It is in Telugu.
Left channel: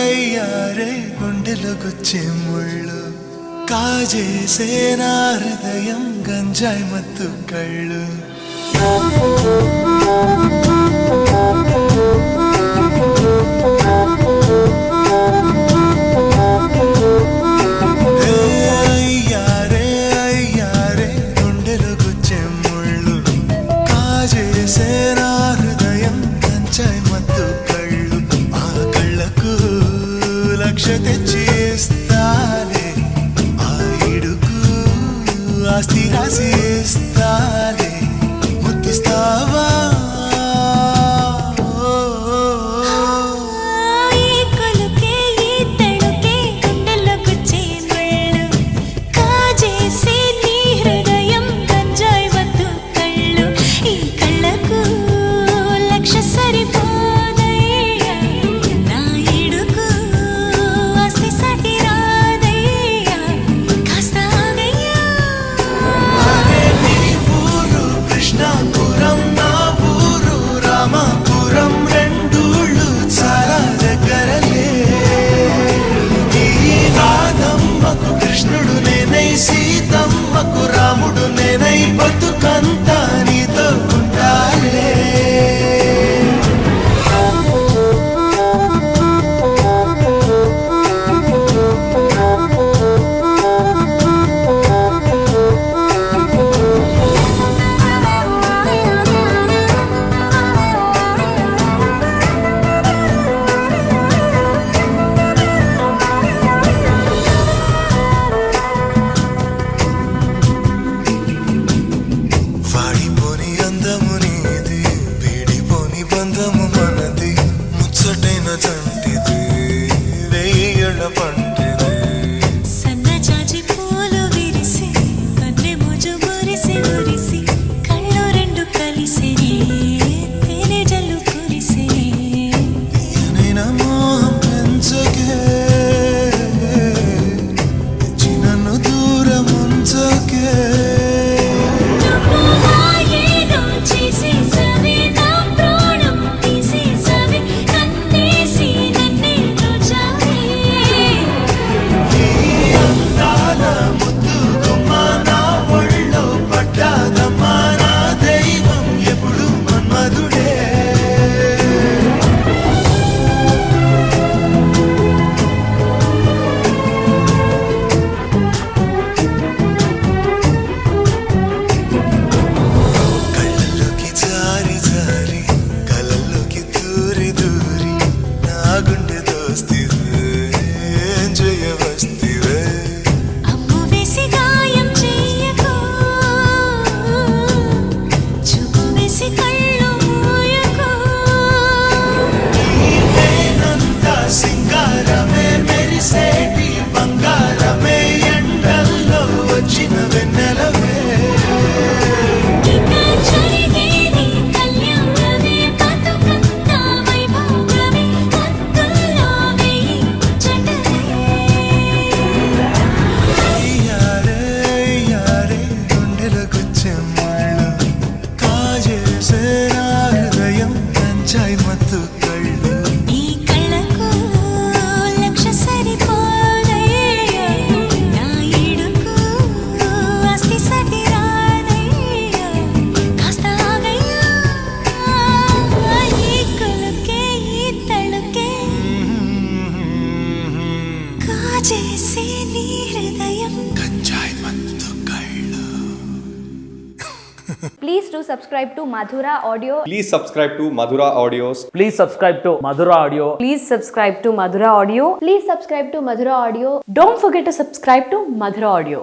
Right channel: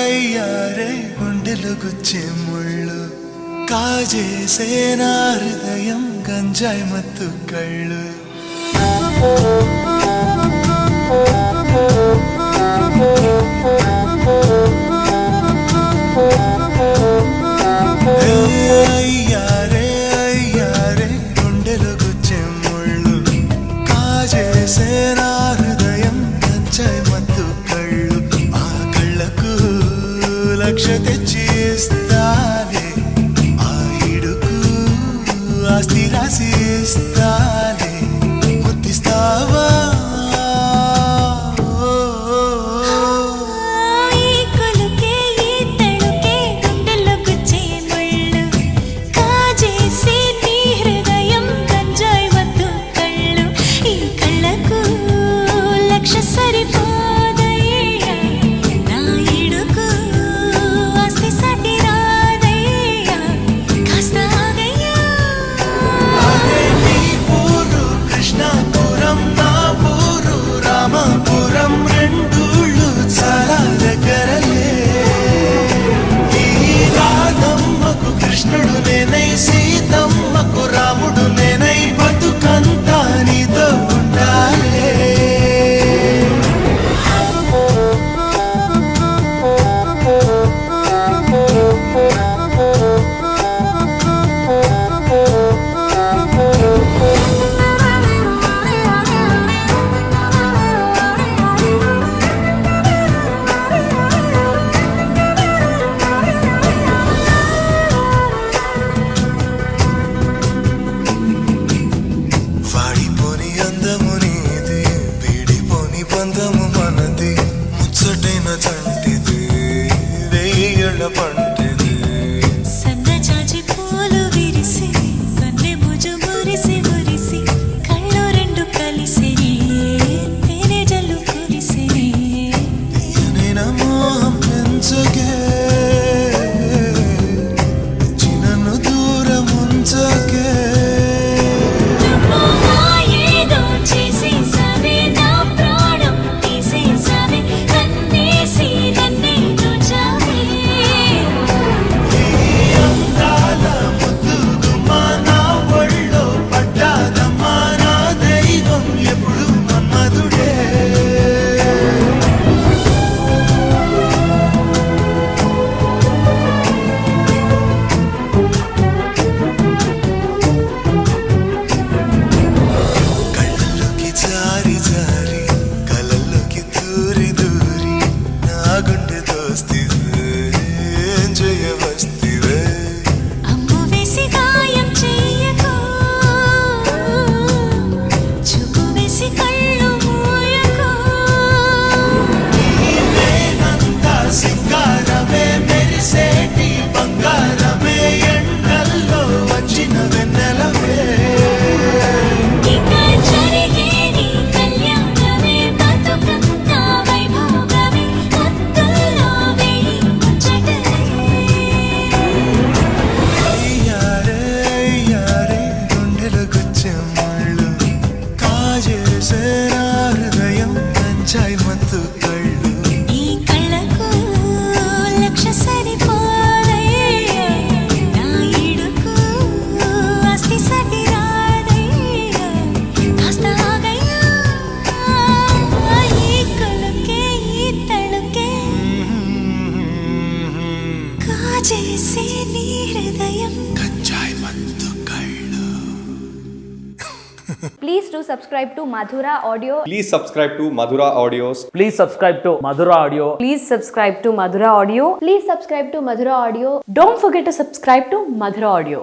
అయ్యారే గుండెలో గుచ్చే ముళ్ళు కాజేసే నా హృదయం గంజాయి మత్తు కళ్ళు అయ్యారే గుండెలో గుచ్చే ముళ్ళు కాజేసే నా హృదయం గంజాయి మత్తు కళ్ళు ఆ కళ్ళకు లక్ష తెచ్చి ఇస్తాలే ఆ ఇడుకు ఆస్తి రాసి ఇస్తాలే ముద్దిస్తావా సరిపోదయ్యా నా ఇడుకు ఆస్తి సటి రాదయ్యా కాస్త ఆగయ్యా. అరే నీ ఊరు కృష్ణాపురం నా ఊరు రామాపురం రెండూళ్ళు చాలా దగ్గరలే ఈ రాధమ్మకు కృష్ణుడు నేనై సీతమ్మకు రాముడు నేనై బతుకంతా నీతో ఉంటాలే. వాడిపోని అందము నీది వీడిపోని బంధము మనది ముచ్చటైన చంటిది వెయ్యేళ్ల పంటిది సన్నజాజి పూలు విరిసి కన్నె ముజు మురిసి మురిసి కళ్ళు రెండు కలిసిని తేనె జల్లు కురిసిని తీయనైన మోహం పెంచకే పెంచి నన్ను దూరం ఉంచకే జారి కలల్లోకి దూరి దూరి నా గుండె దోస్తివే జయవస్తివే అమ్ము వేసి గాయం చెయ్యకు చూపు వేసి కళ్ళు మూయకు నీవేనంతా సింగారమే మెరిసేటి బంగారమే ఎండల్లో వచ్చిన వెన్నెలవే ముళ్ళు కాజేసే నా హృదయం గంజాయి మత్తు కళ్ళు ఈ కళ్ళకు లక్ష సరిపోదయ్యా నా ఇడుకు ఆస్తి సటి రాదయ్యా కాస్త ఆగయ్యా ఈ కొలుకే ఈ తళుకే కాజేసే నీ హృదయం గంజాయి మత్తు కళ్ళు. Please do subscribe to Madhura Audio. Please subscribe to Madhura Audios. Please subscribe to Madhura Audio. Please subscribe to Madhura Audio. Please subscribe to Madhura Audio. Don't forget to subscribe to Madhura Audio.